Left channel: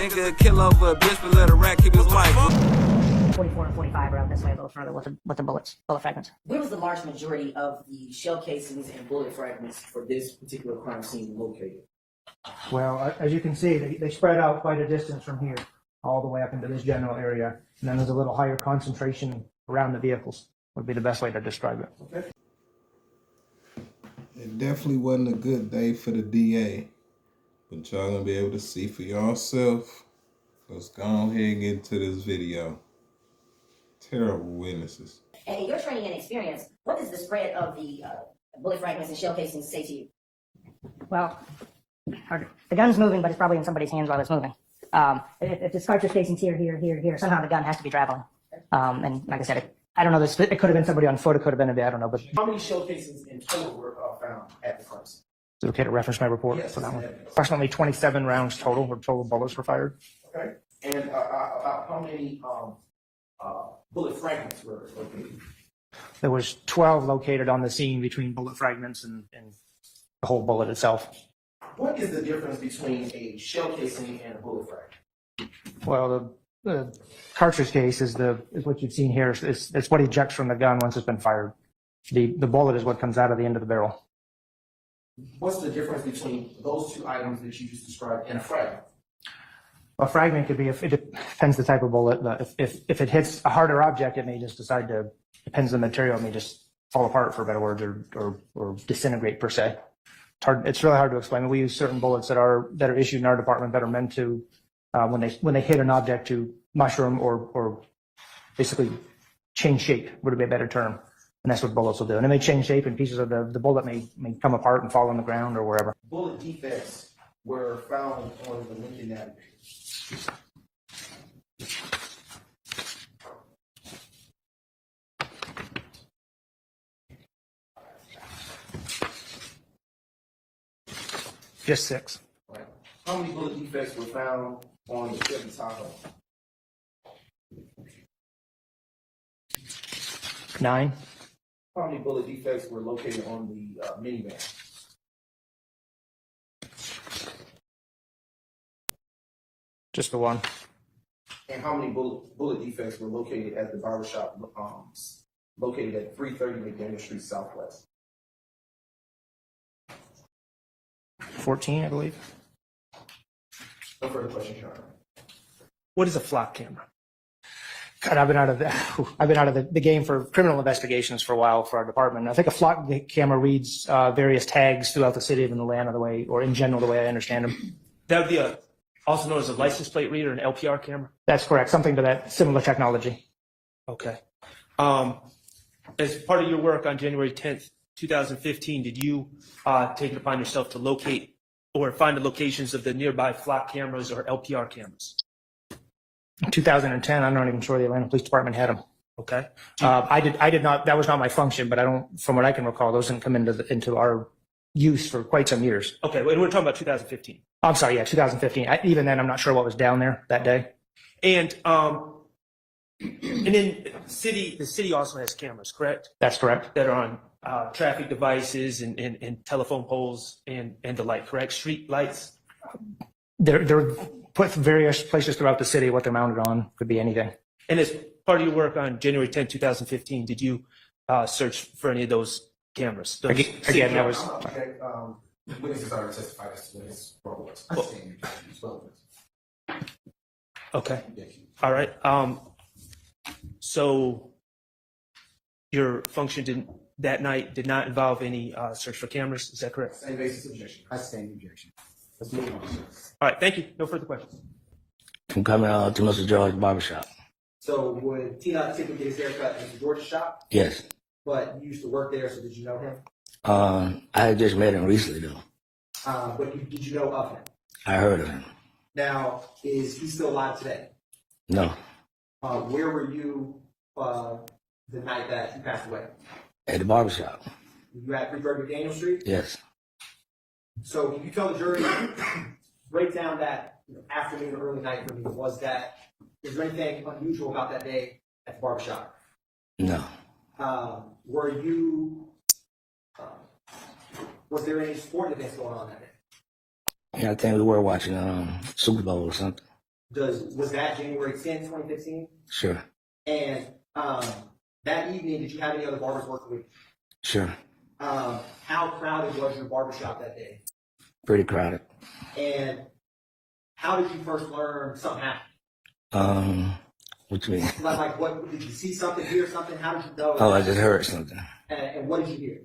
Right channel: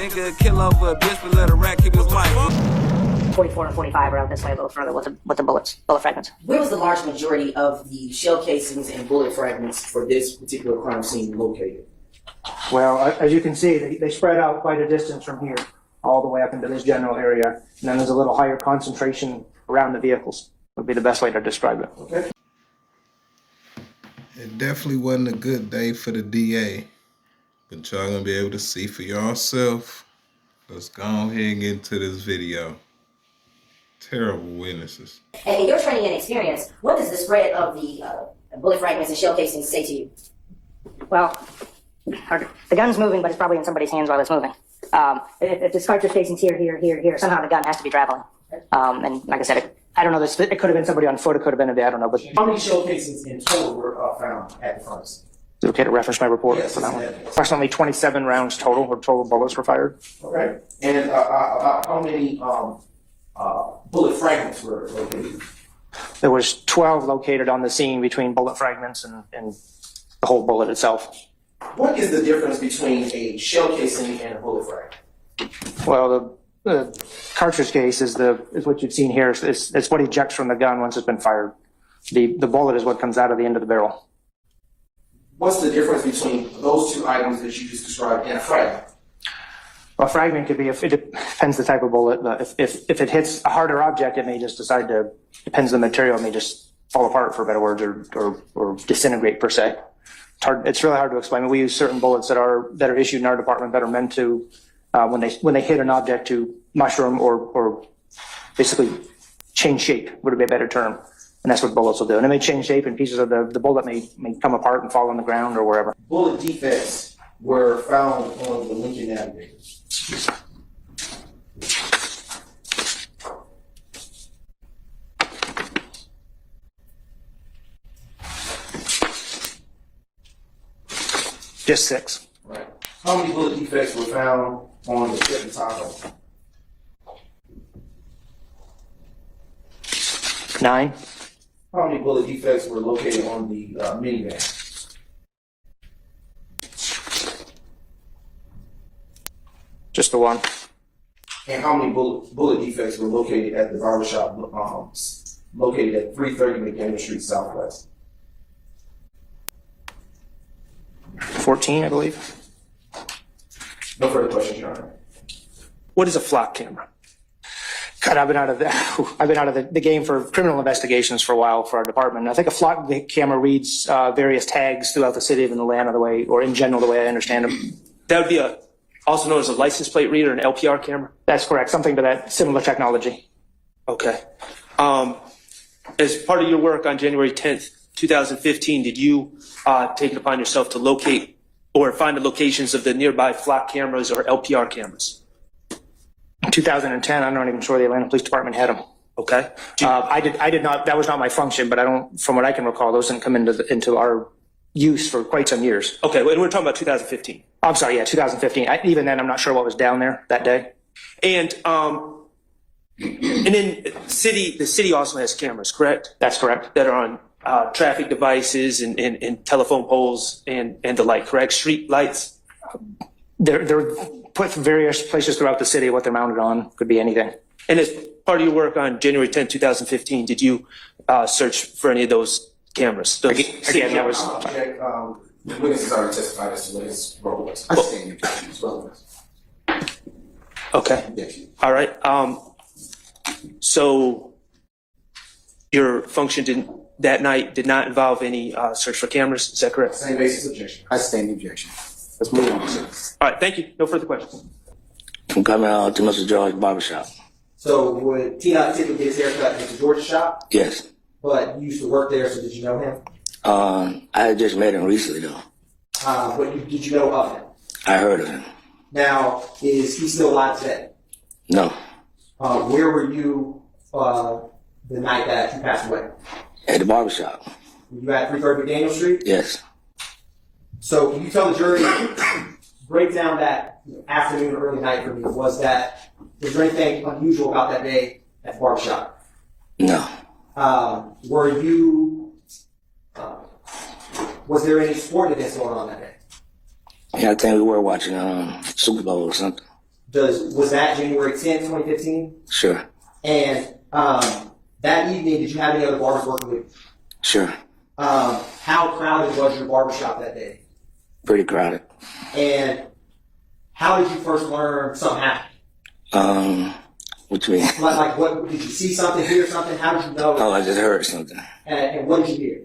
Nigga kill over a bitch, but let a rat keep his wife. 44 and 45 are out this way a little further with the bullet fragments. Where was the large majority of the shell casings and bullet fragments for this particular crime scene located? Well, as you can see, they spread out quite a distance from here, all the way up into this general area. And then there's a little higher concentration around the vehicles, would be the best way to describe it. Okay. It definitely wasn't a good day for the DA, but y'all gonna be able to see for yourself. Let's go ahead and get into this video. Terrible witnesses. And in your training and experience, what does the spread of the bullet fragments and shell casings say to you? Well, the gun's moving, but it's probably in somebody's hands while it's moving. If the cartridge casing's here, somehow the gun has to be traveling. And like I said, I don't know, it could have been somebody on foot, it could have been I don't know. But How many shell casings in total were found at the front? is it okay to reference my report for that one? Approximately 27 rounds total, or total bullets were fired. Okay. And about how many bullet fragments were located? There was 12 located on the scene between bullet fragments and the whole bullet itself. What is the difference between a shell casing and a bullet fragment? Well, the cartridge case is what you've seen here. It's what ejects from the gun once it's been fired. The bullet is what comes out of the end of the barrel. What's the difference between those two items that you just described and a fragment? Well, a fragment could be, it depends the type of bullet. But if it hits a harder object, it may just depends on the material, it may just fall apart, for better words, or disintegrate per se. It's really hard to explain. We use certain bullets that are issued in our department that are meant to, when they hit an object, to mushroom or basically change shape, would be a better term. And that's what bullets will do. And it may change shape, and pieces of the bullet may come apart and fall on the ground or wherever. Bullet defects were found on the Lincoln Navigator. Just 6. Right. How many bullet defects were found on the Chevy Tahoe? 9. How many bullet defects were located on the minivan? Just the 1. And how many bullet defects were located at the barbershop located at 330 McDaniel Street Southwest? 14, I believe. No further questions, Your Honor. What is a flock camera? God, I've been out of the game for criminal investigations for a while for our department. I think a flock camera reads various tags throughout the city of the land, or in general, the way I understand them. That would be also known as a license plate reader, an LPR camera? That's correct. Something to that similar technology. Okay. As part of your work on January 10th, 2015, did you take it upon yourself to locate or find the locations of the nearby flock cameras or LPR cameras? In 2010, I'm not even sure the Atlanta Police Department had them. Okay. I did not. That was not my function, but from what I can recall, those didn't come into our use for quite some years. Okay, and we're talking about 2015. I'm sorry, yeah, 2015. Even then, I'm not sure what was down there that day. And then the city also has cameras, correct? That's correct. That are on traffic devices and telephone poles and the like, correct? Street lights? They're put from various places throughout the city. What they're mounted on could be anything. And as part of your work on January 10th, 2015, did you search for any of those cameras? Again, that was... The witnesses already testified as to what his role was. I stand your objection as well. Okay. All right. So your function that night did not involve any search for cameras. Is that correct? Same basis objection. I stand the objection. Let's move on, sir. All right. Thank you. No further questions. I'm coming out to Mr. George's barbershop. So would T-Not typically get his haircut at Mr. George's shop? Yes. But you used to work there, so did you know him? I had just met him recently, though. Did you know of him? I heard of him. Now, is he still alive today? No. Where were you the night that he passed away? At the barbershop. Were you at 330 McDaniel Street? Yes. So can you tell the jury, break down that afternoon or early night for me? Was there anything unusual about that day at the barbershop? No. Were you, was there any sport events going on that day? Yeah, I think we were watching Super Bowl or something. Was that January 10th, 2015? Sure. And that evening, did you have any other barbers working with you? Sure. How crowded was your barbershop that day? Pretty crowded. And how did you first learn something happened? What you mean? Like what, did you see something, hear something? How did you know? Oh, I just heard something. And what did you hear?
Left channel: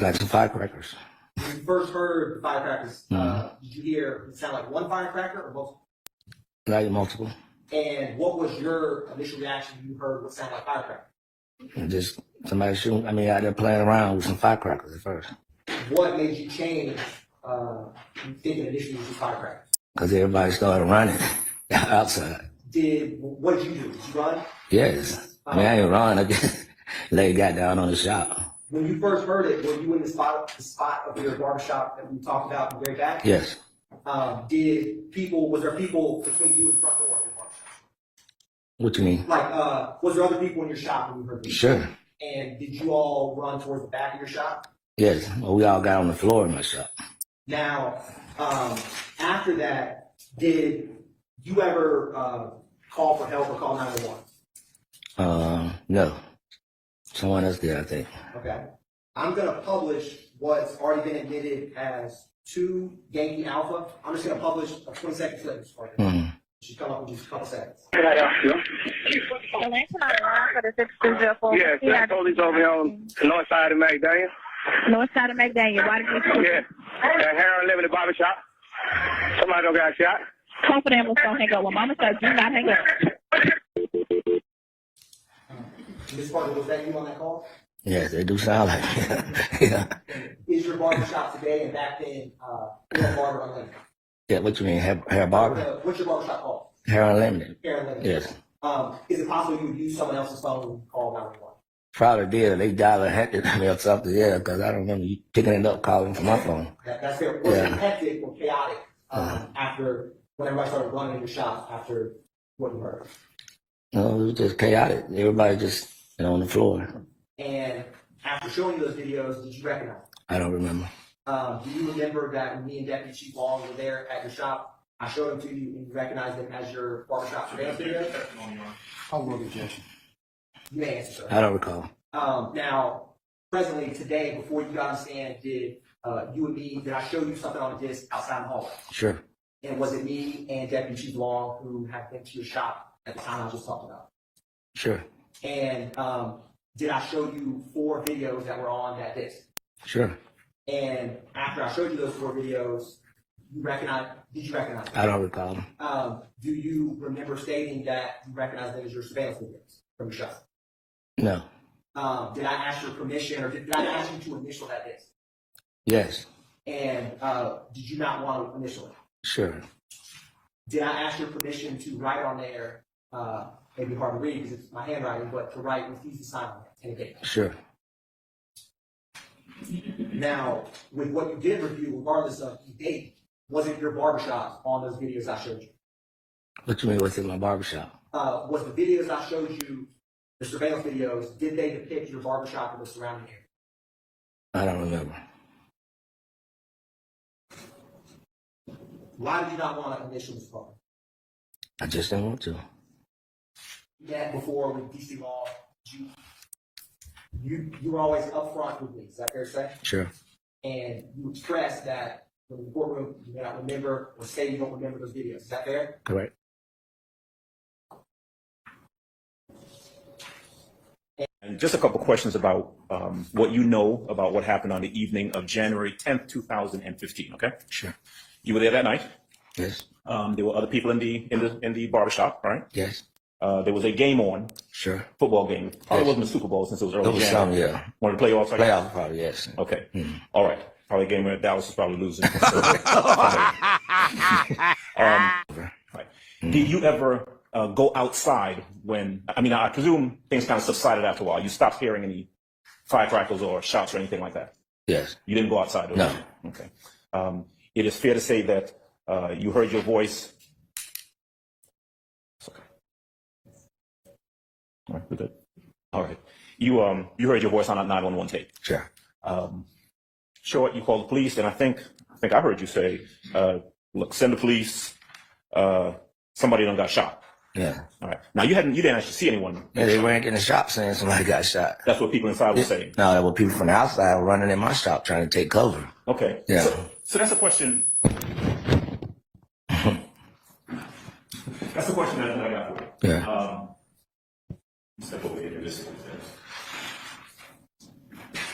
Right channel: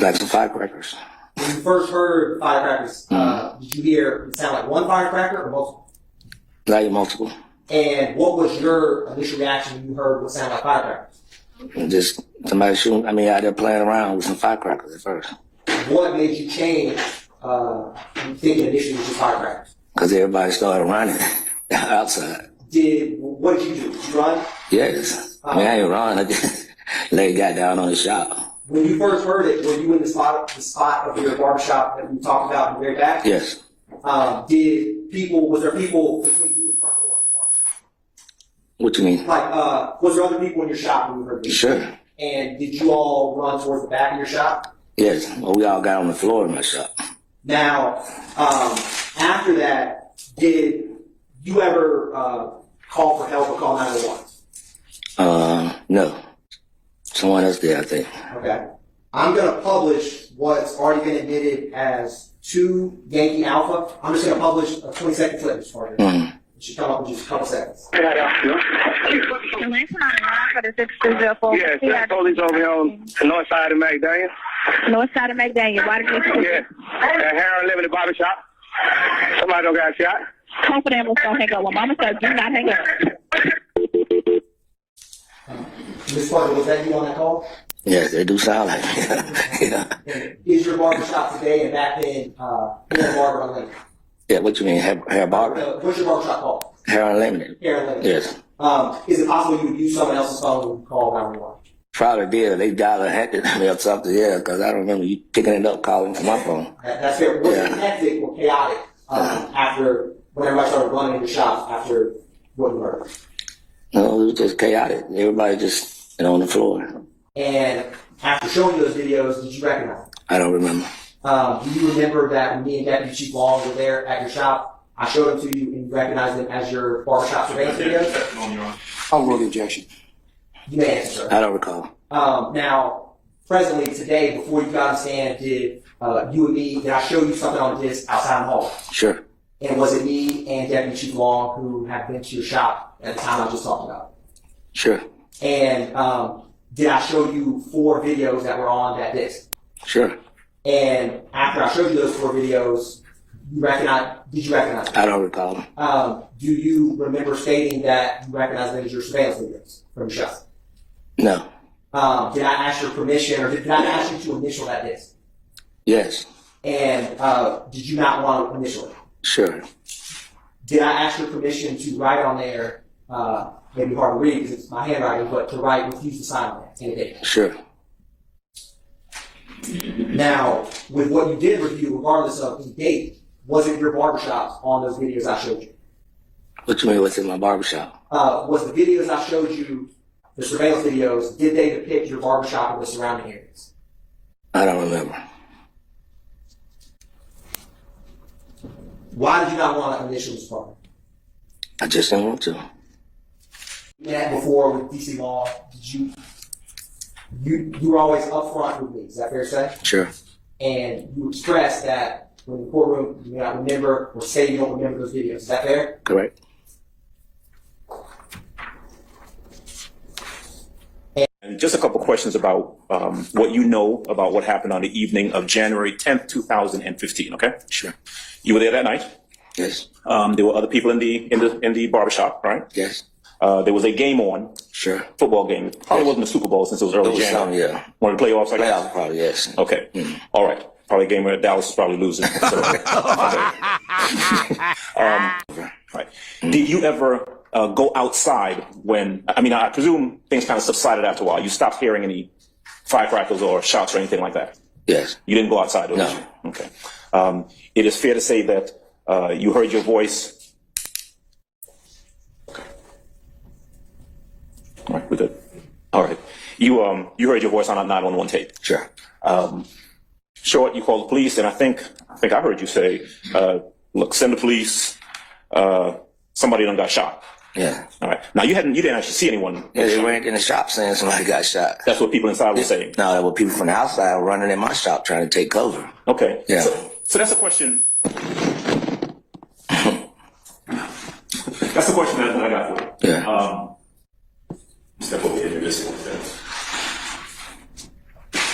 Like some firecrackers. When you first heard firecrackers, did you hear it sound like one firecracker or multiple? Like multiple. And what was your initial reaction when you heard what sounded like firecrackers? And just somebody shooting, out there playing around with some firecrackers at first. What made you change thinking initially it was just firecrackers? Because everybody started running outside. What did you do? Did you run? Yes. I didn't run. I just got down on the shop. When you first heard it, were you in the spot of your barbershop that we talked about in the very back? Yes. Was there people between you and the front door of your barbershop? What you mean? Like, was there other people in your shop when you heard this? Sure. And did you all run towards the back of your shop? Yes. Well, we all got on the floor in my shop. Now, after that, did you ever call for help or call 911? No. Someone else did, I think. Okay. I'm going to publish what's already been admitted as 2 Yankee Alpha. I'm just going to publish a 20-second clip this morning. It should come up in just a couple seconds. Yes, that's police over here on the north side of McDaniel. North side of McDaniel. Why did you Yeah. At Harold Liberty Barber Shop. Somebody don't got shot. Call for the ambulance, don't hang up. Well, Mama said do not hang up. Ms. Parker, was that you on that call? Yes, they do sound like it. Yeah. Is your barbershop today and back then Hair Barber Unlimited? Yeah, what you mean? Hair barber? What's your barbershop called? Hair Unlimited. Hair Unlimited. Yes. Is it possible you would use someone else's phone when you call 911? Probably did. They dialed a hectic me or something, yeah, because I don't remember you picking it up, calling from my phone. That's fair. Was it Yeah. hectic or chaotic after when everybody started running in the shop after what you heard? No, it was just chaotic. Everybody just on the floor. And after showing you those videos, did you recognize them? I don't remember. Do you remember that when me and Deputy Chief Long were there at your shop, I showed them to you and you recognized them as your barbershop surveillance videos? I'll roll the objection. You may answer, sir. I don't recall. Now, presently, today, before you got on stand, did I show you something on the disc outside the hall? Sure. And was it me and Deputy Chief Long who had been to your shop at the time I just talked about? Sure. And did I show you 4 videos that were on that disc? Sure. And after I showed you those 4 videos, did you recognize them? I don't recall them. Do you remember stating that you recognize them as your surveillance videos from your shop? No. Did I ask your permission, or did I ask you to initial that disc? Yes. And did you not want to initial it? Sure. Did I ask your permission to write on there, maybe hard to read because it's my handwriting, but to write refuse to sign on there, any date? Sure. Now, with what you did review, regardless of the date, was it your barbershop on those videos I showed you? What you mean, what's in my barbershop? Was the videos I showed you, the surveillance videos, did they depict your barbershop or the surrounding areas? I don't remember. Why did you not want to initial this part? I just didn't want to. You met before with DC Law. Did you were always upfront with me, is that fair to say? Sure. And you expressed that when in the courtroom you may not remember or say you don't remember those videos. Is that fair? Correct. And just a couple questions about what you know about what happened on the evening of January 10th, 2015, okay? Sure. You were there that night. Yes. There were other people in the barbershop, right? Yes. There was a game on, Sure. football game. Probably wasn't the Super Bowl since it was early It was January. some, yeah. One of the playoffs, I guess? Playoff, probably, yes. Okay. All right. Probably a game where Dallas was probably losing. Right. Did you ever go outside when, I presume things kind of subsided after a while. You stopped hearing any firecrackers or shots or anything like that? Yes. You didn't go outside, did No. you? Okay. It is fair to say that you heard your voice. Okay. All right, we're good. All right. You heard your voice on a 911 tape. Sure. Short, you called the police, and I think I heard you say, look, send the police, somebody done got shot. Yeah. All right. Now you didn't actually see anyone. Yeah, they ran in the shop saying somebody got shot. That's what people inside were saying. No, there were people from the outside running in my shop trying to take cover. Okay. Yeah. So that's a question. That's the question that I got for you. Yeah. Step over here. There's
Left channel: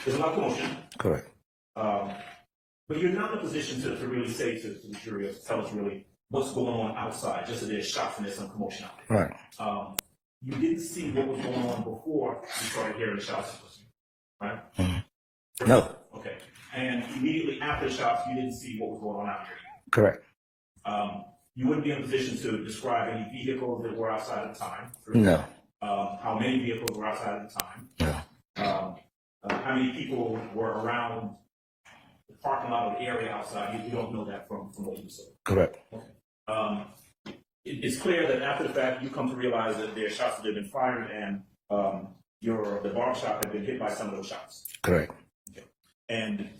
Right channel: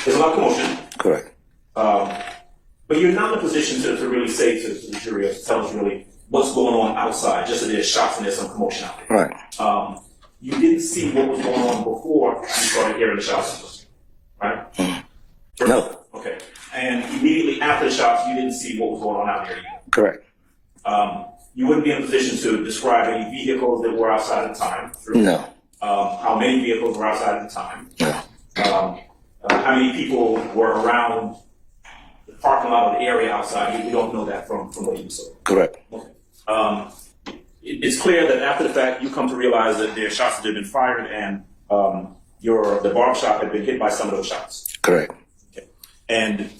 a lot of commotion. Correct. But you're not in a position to really say to the jury or to tell us really what's going on outside, just that there's shots and there's some commotion out there. Right. You didn't see what was going on before you started hearing the shots, right? No. Okay. And immediately after the shots, you didn't see what was going on out there either. Correct. You wouldn't be in a position to describe any vehicles that were outside at the time. True? No. How many vehicles were outside at the time? No. How many people were around the parking lot or the area outside? We don't know that from what you saw. Correct. Okay. It's clear that after the fact, you come to realize that there are shots that have been fired and the barbershop had been hit by some of those shots. Correct. Okay. And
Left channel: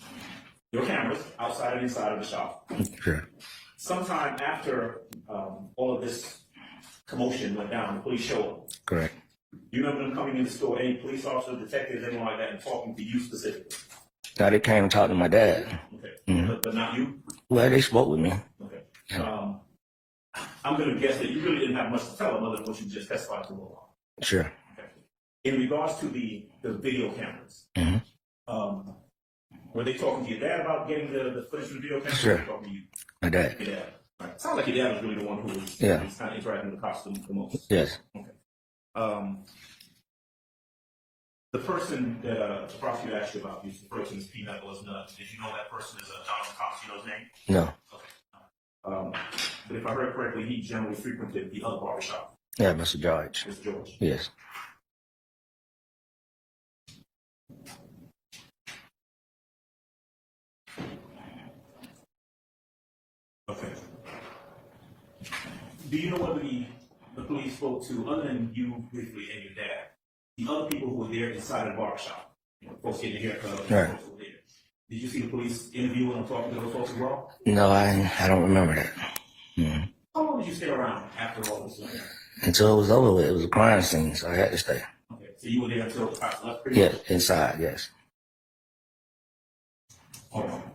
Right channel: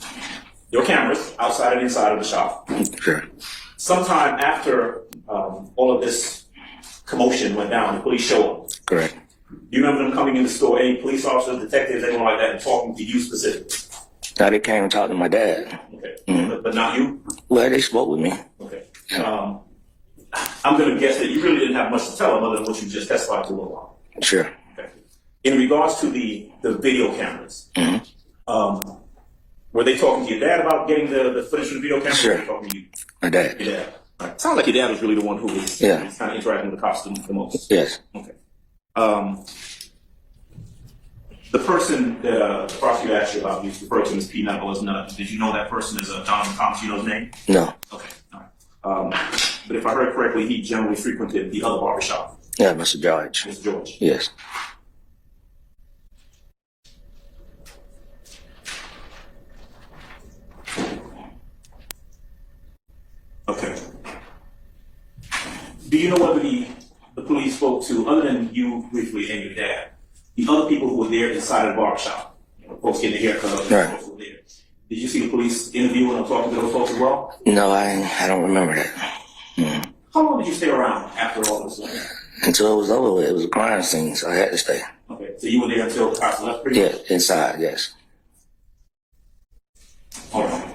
there were cameras outside and inside of the shop. Sure. Sometime after all of this commotion went down, the police showed up. Correct. Do you remember them coming in the store, any police officers, detectives, anyone like that, and talking to you specifically? Now they came and talked to my dad. Okay. But not you? Well, they spoke with me. Okay. I'm going to guess that you really didn't have much to tell them other than what you just testified to a little while. Sure. Okay. In regards to the video cameras, were they talking to your dad about getting the footage from the video cameras? Sure. Or talking to you? My dad. Your dad. All right. Sounds like your dad was really the one who was kind of interacting with the cops the most. Yes. Okay. The person that the prosecutor asked you about, you referred to him as P. Knuckles. Did you know that person is Donovan Thomas? You know his name? No. Okay. All right. But if I heard correctly, he generally frequented the other barbershop. Yeah, Mr. George. Mr. George. Yes. Okay. Do you know whether the police spoke to, other than you briefly and your dad, the other people who were there inside of the barbershop? You know, folks getting their haircut, right. Folks who were there. Did you see the police interviewing or talking to those folks as well? No, I don't remember that. How long did you stay around after all this? Until it was over with. It was a crime scene, so I had to stay. Okay, so you were there until the cops left? Yeah, inside, yes. All right.